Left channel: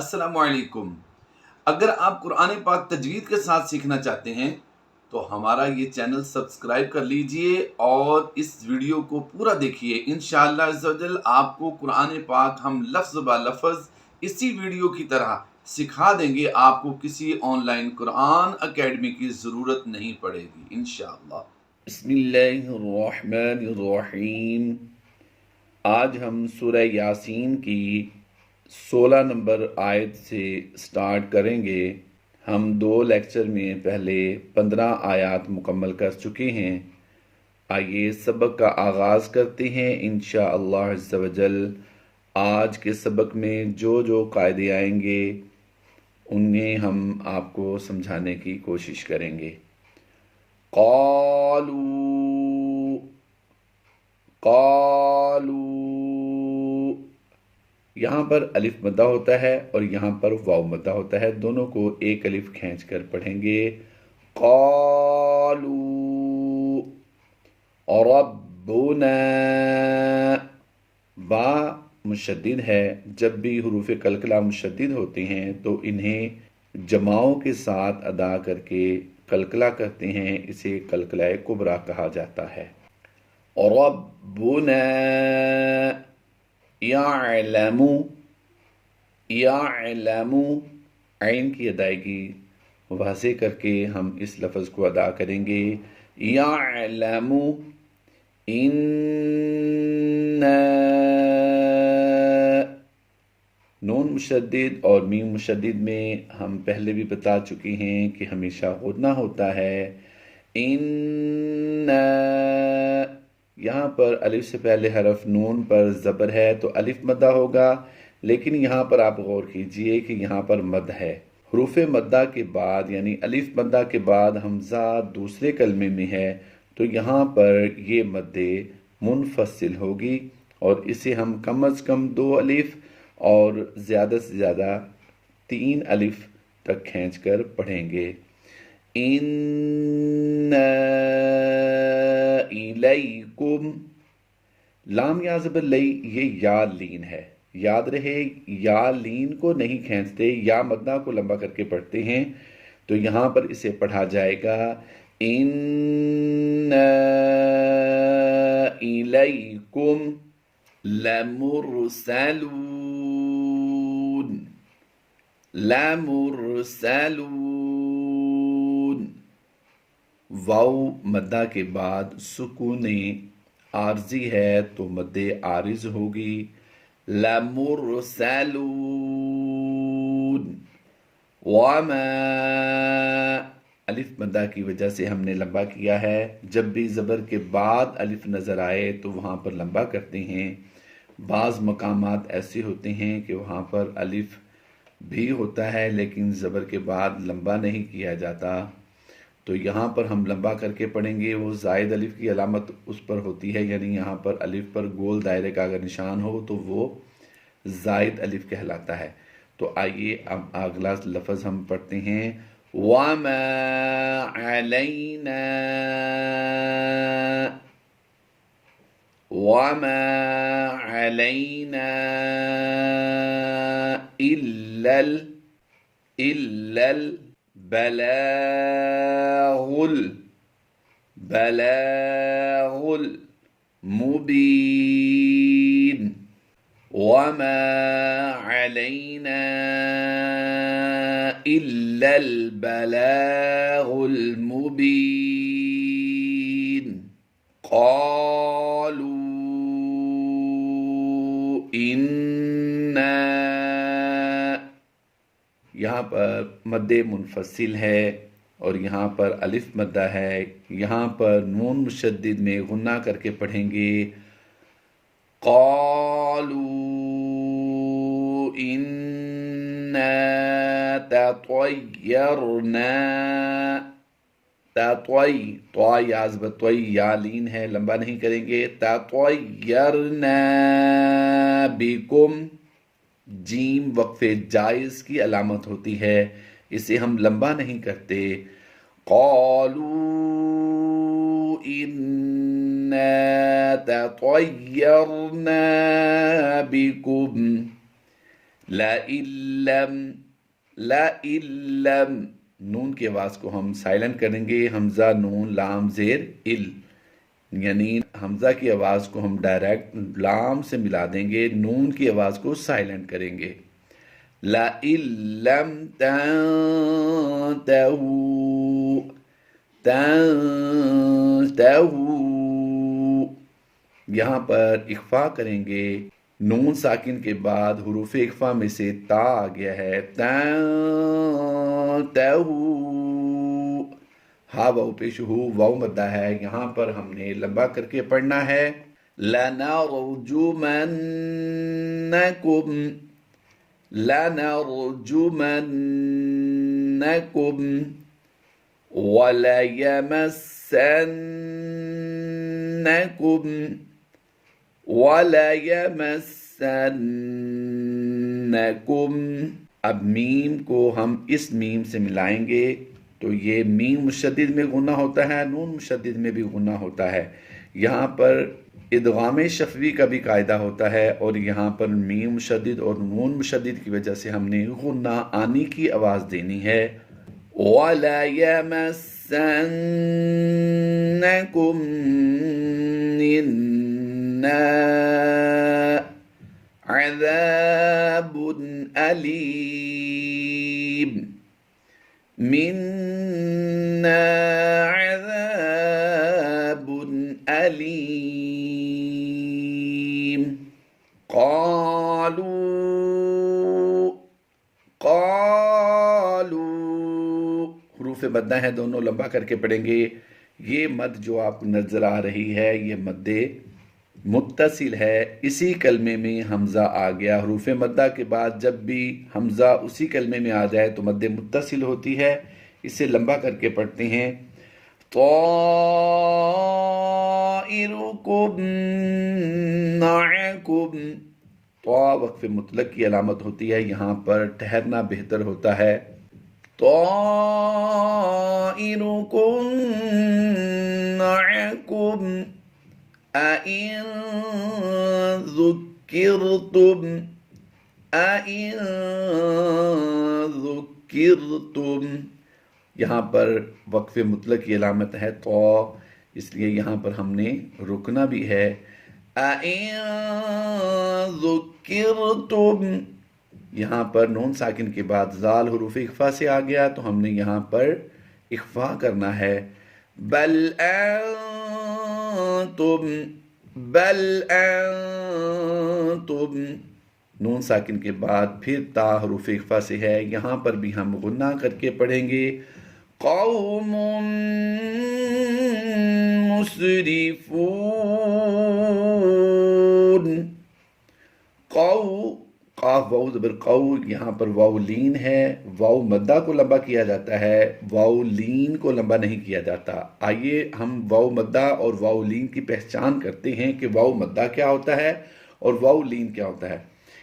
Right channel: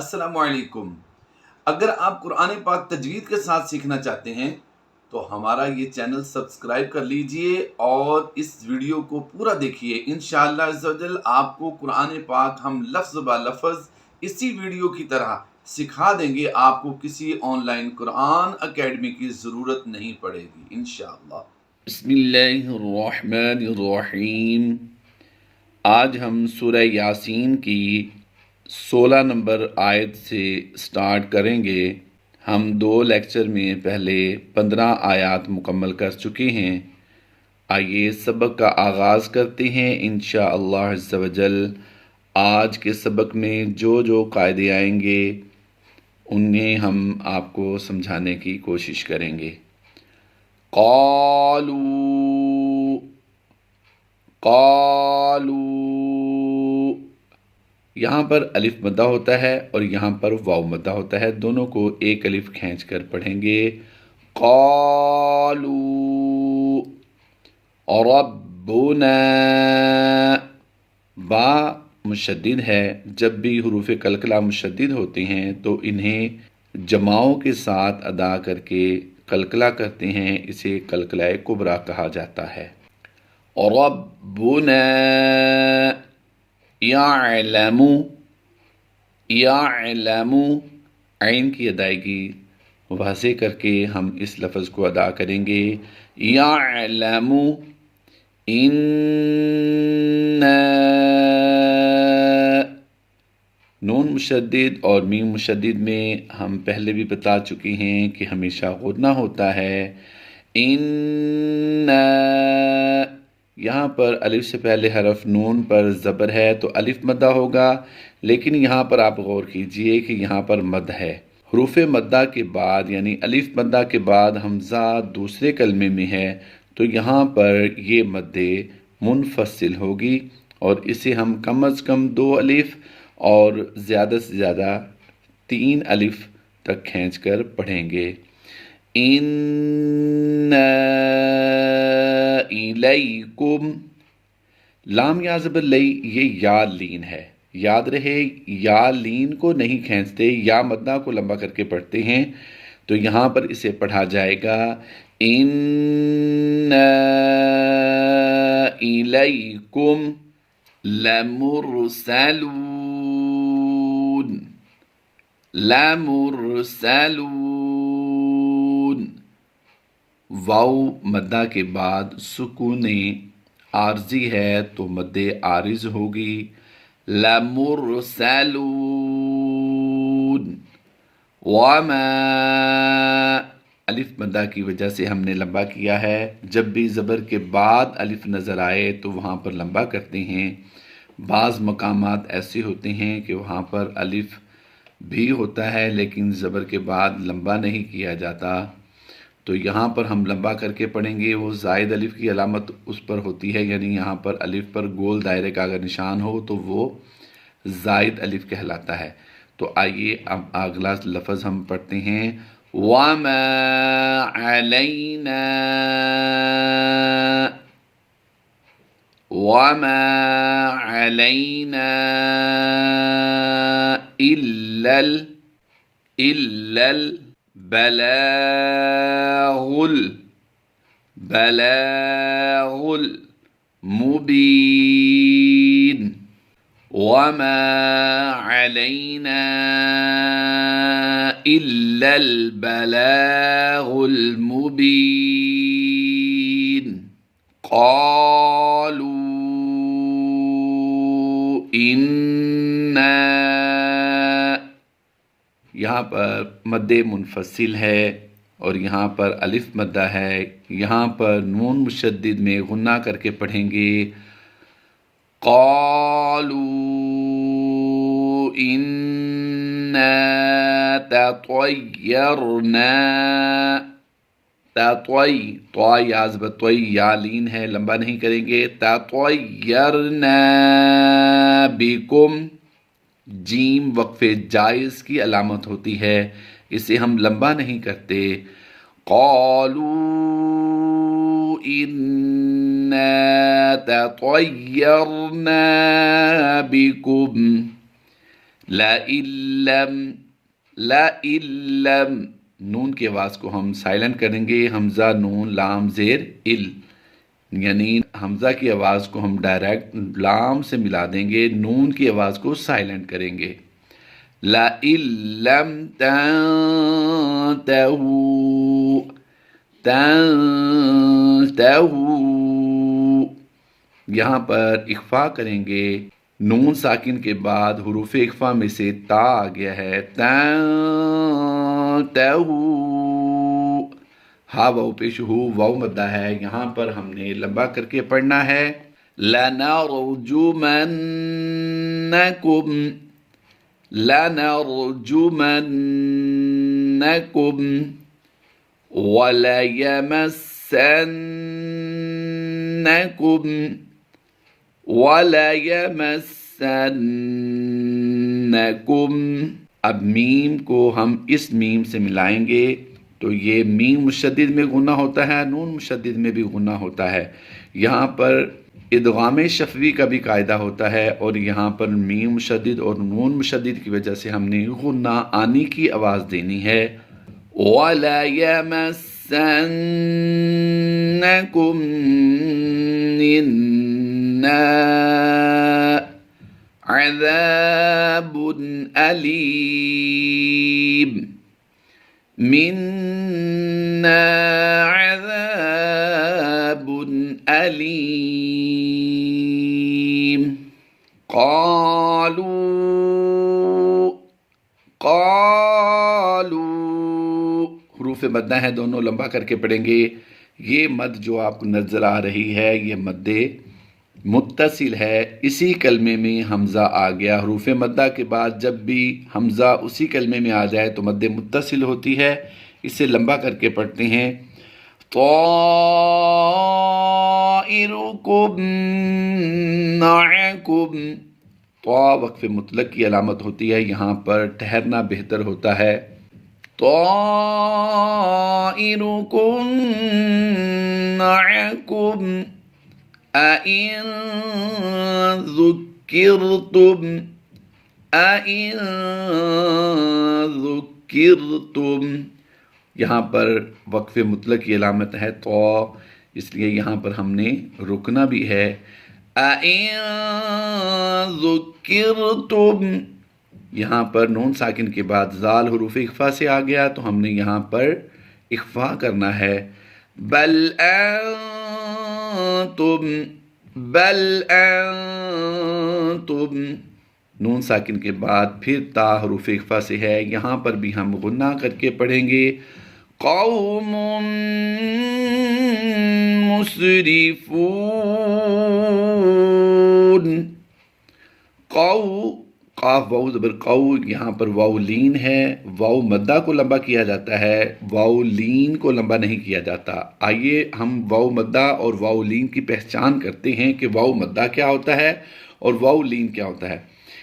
السلام علیکم۔ اگر آپ قرآن پاک تجوید کے ساتھ سیکھنا چاہتے ہیں تو ہمارا یہ چینل سبسکرائب کر لیجئے اور اس ویڈیو کو پورا دیکھیے۔ انشاءاللہ عز و جل آپ کو قرآن پاک ہم لفظ با لفظ اسی ویڈیو کی طرح سکھا دیں گے، آپ کو کسی آن لائن قرآن اکیڈمی کی ضرورت نہیں پڑے گی انشاءاللہ۔ بسم اللہ الرحمن الرحیم۔ آج ہم سورہ یاسین کی 16 نمبر آیت سے سٹارٹ کریں گے۔ ہم 2 لیکچر میں پہلے 15 آیات مکمل کر چکے ہیں۔ آئیے سبق کا آغاز کرتے ہیں انشاءاللہ عز و جل۔ آج کے سبق میں جو قاعدے آئیں گے انہیں ہم آپ کو سمجھانے کی کوشش کریں گے۔ قالوا یہاں پر الف مدہ ہوتا ہے اور یہاں پر واو مدہ ہوتا ہے، دونوں کو ایک الف کھینچ کر پڑھیں گے۔ قالوا ربنا، با مشدد ہے۔ جب بھی حروف قلقلہ مشدد ہوتے ہیں تو انہیں جماؤں کے ساتھ ادا کر کے قلقلہ کرتے ہیں، اسے قلقلہ کبریٰ کہا جاتا ہے۔ ربنا یعلم، عین کی ادائیگی واضح کر کے ہم اس لفظ کو ادا کریں گے۔ یعلم نون مشدد اور میم مشدد میں ہم پہلے بھی بتا چکے ہیں کہ ہمیشہ غنہ ہوتا ہے۔ یہاں پر الف سے پہلے حرف نون پر زبر ہے تو الف مدہ ہوگا، لیکن یہاں پر آپ غور کیجئے کہ یہاں پر مد ہے۔ حروف مدہ کے بعد یعنی الف مدہ کے بعد حمزہ دوسرے کلمے میں ہے تو یہاں پر یہ مد منفصل ہوگی اور اسے ہم کم از کم 2 الف اور زیادہ سے زیادہ 3 الف تک کھینچ کر پڑھیں گے۔ الیکم، لام یا زبر لئی، یہ یا لین ہے، یاد رہے یا لین کو نہیں کھینچتے، یا مدہ کو لمبا کر کے پڑھتے ہیں، تو یہاں پر اسے پڑھا جائے گا الیکم لمرسلون۔ واو مدہ کے بعد سکون عارضی ہے تو مد عارض ہوگی، لمرسلون۔ وما، الف مدہ کی وجہ سے ہم نے لمبا کیا ہے، جب بھی زبر کے بعد الف نظر آئے تو وہاں پر لمبا کرتے ہیں۔ بعض مقامات ایسے ہوتے ہیں کہ وہاں پر الف بھی ہوتا ہے لیکن زبر کے بعد لمبا نہیں کیا جاتا، تو یہاں پر ہم لمبا کر کے پڑھیں گے۔ وہ زائد الف کی علامت اس پر ہوتی ہے، یعنی یہاں پر الف پر گول دائرے کا اگر نشان ہو تو وہ زائد الف کہلاتا ہے۔ تو آئیے اب اگلا لفظ ہم پڑھتے ہیں۔ وَمَا عَلَيْنَا إِلَّا الْبَلَاغُ الْمُبِينُ۔ وَمَا عَلَيْنَا إِلَّا الْبَلَاغُ الْمُبِينُ۔ قَالُوا إِنَّا، یہاں پر مد منفصل ہے اور یہاں پر الف مدہ ہے، یہاں پر نون مشدد میں غنہ کر کے پڑھیں گے۔ قالوا إِنَّا تَطَيَّرْنَا، طا یا زبر طوی، یا لین ہے، لمبا نہیں کریں گے۔ تَطَيَّرْنَا بِكُمْ، جیم وقف جائز کی علامت ہوتی ہے، اسے ہم لمبا نہیں کرتے۔ قالوا إِنَّا تَطَيَّرْنَا بِكُمْ، لَإِلَّمْ نون کی آواز کو ہم سائلنٹ کریں گے، حمزہ نون لام زیر ال، یعنی حمزہ کی آواز کو ہم ڈائریکٹ لام سے ملا دیں گے، نون کی آواز کو سائلنٹ کریں گے۔ لَإِن لَّمْ تَنْتَهُوا یہاں پر اخفا کریں گے، نون ساکن کے بعد حروف اخفا میں سے تا آ گیا ہے، تَنْتَهُوا ہا واو پیش ہو واو مدہ ہے، یہاں پر ہم نے لمبا کر کے پڑھنا ہے، لَنَرْجُمَنَّكُمْ وَلَيَمَسَّنَّكُمْ اب میم کو ہم اس میم سے ملائیں گے تو یہ میم مشدد میں غنہ ہوتا ہے، نون مشدد میں بھی غنہ ہوتا ہے، یہاں پر ادغام شفوی کا بھی قاعدہ ہوتا ہے، اور یہاں پر میم مشدد اور نون مشدد کی وجہ سے ہم نے غنہ آنی کی آواز دینی ہے۔ وَلَيَمَسَّنَّكُمْ مِنَّا عَذَابٌ أَلِيمٌ مِنَّا عَذَابٌ أَلِيمٌ قَالُوا حروف مدہ ہیں، دونوں لمبا کر کے پڑھیں گے۔ یہ مد جو آپ کو نظر آ رہی ہے یہ مد متصل ہے، اسی کلمے میں حمزہ آ گیا، حروف مدہ کے بعد جب بھی حمزہ اسی کلمے میں آ جائے تو مد متصل ہوتی ہے، اسے لمبا کر کے پڑھتے ہیں۔ طائرکم معکم، طا وقف مطلق کی علامت ہوتی ہے، یہاں پر ٹھہرنا بہتر ہوتا ہے۔ طائرکم معکم أَإِن ذُكِّرْتُمْ یہاں پر وقف مطلق کی علامت ہے تو، اس لیے یہاں پر ہم نے رکنا بھی ہے۔ أَإِن ذُكِّرْتُمْ یہاں پر نون ساکن کے بعد زال حروف اخفا سے آ گیا تو ہم نے یہاں پر اخفا کرنا ہے۔ بل انتم نون ساکن کے بعد پھر تا حروف اخفا سے ہے، یہاں پر بھی ہم غنہ کر کے پڑھیں گے۔ قوم مسرفون قاف واو زبر قو، یہاں پر واو لین ہے، واو مدہ کو لمبا کیا جاتا ہے، واو لین کو لمبا نہیں کیا جاتا۔ آئیے ہم واو مدہ اور واو لین کی پہچان کرتے ہیں کہ واو مدہ کیا ہوتا ہے اور واو لین کیا ہوتا ہے۔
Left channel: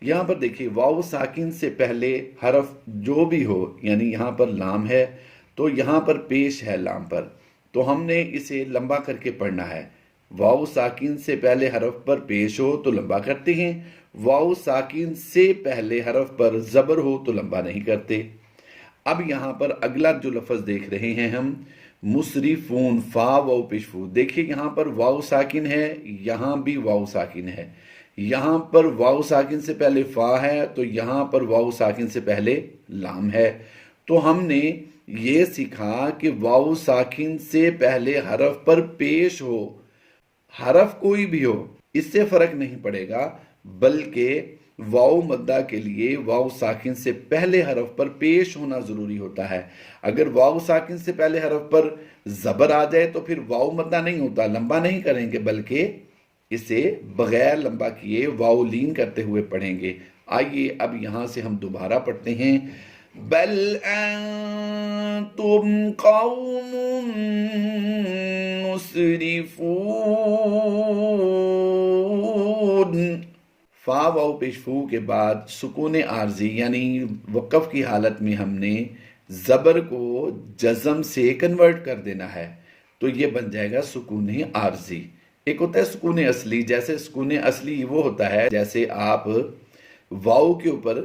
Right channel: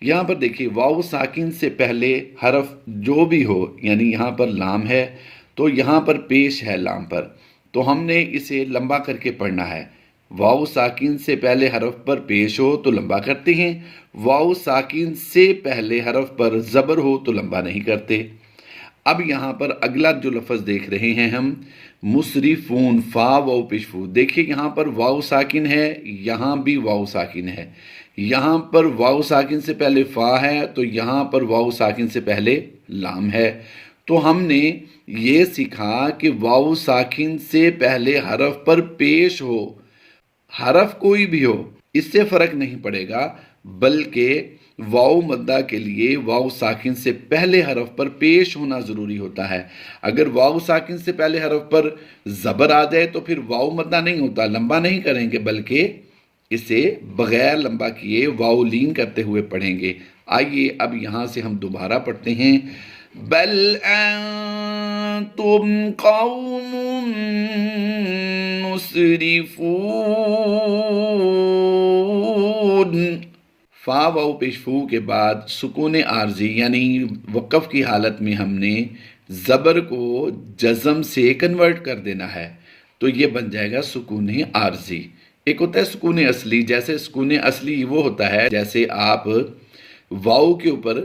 یہاں پر دیکھیے واو ساکن سے پہلے حرف جو بھی ہو، یعنی یہاں پر لام ہے تو یہاں پر پیش ہے لام پر، تو ہم نے اسے لمبا کر کے پڑھنا ہے۔ واو ساکن سے پہلے حرف پر پیش ہو تو لمبا کرتے ہیں، واو ساکن سے پہلے حرف پر زبر ہو تو لمبا نہیں کرتے۔ اب یہاں پر اگلا جو لفظ دیکھ رہے ہیں ہم مسرفون، فا واو پیش فو، دیکھیے یہاں پر واو ساکن ہے، یہاں بھی واو ساکن ہے، یہاں پر واو ساکن سے پہلے فا ہے تو یہاں پر واو ساکن سے پہلے لام ہے، تو ہم نے یہ سیکھا کہ واو ساکن سے پہلے حرف پر پیش ہو، حرف کوئی بھی ہو اس سے فرق نہیں پڑے گا، بلکہ واو مدہ کے لیے واو ساکن سے پہلے حرف پر پیش ہونا ضروری ہوتا ہے۔ اگر واو ساکن سے پہلے حرف پر زبر آ جائے تو پھر واو مدہ نہیں ہوتا، لمبا نہیں کریں گے، بلکہ اسے بغیر لمبا کیے واو لین کرتے ہوئے پڑھیں گے۔ آئیے اب یہاں سے ہم دوبارہ پڑھتے ہیں۔ بل انتم قوم مسرفون، فا واو پیش فو کے بعد سکون عارضی یعنی وقف کی حالت میں ہم نے زبر کو جزم سے کنورٹ کر دینا ہے، تو یہ بن جائے گا سکون عارضی۔ ایک ہوتا ہے سکون اصلی، جیسے سکون اصلی وہ ہوتا ہے جیسے آپ واو کے اوپر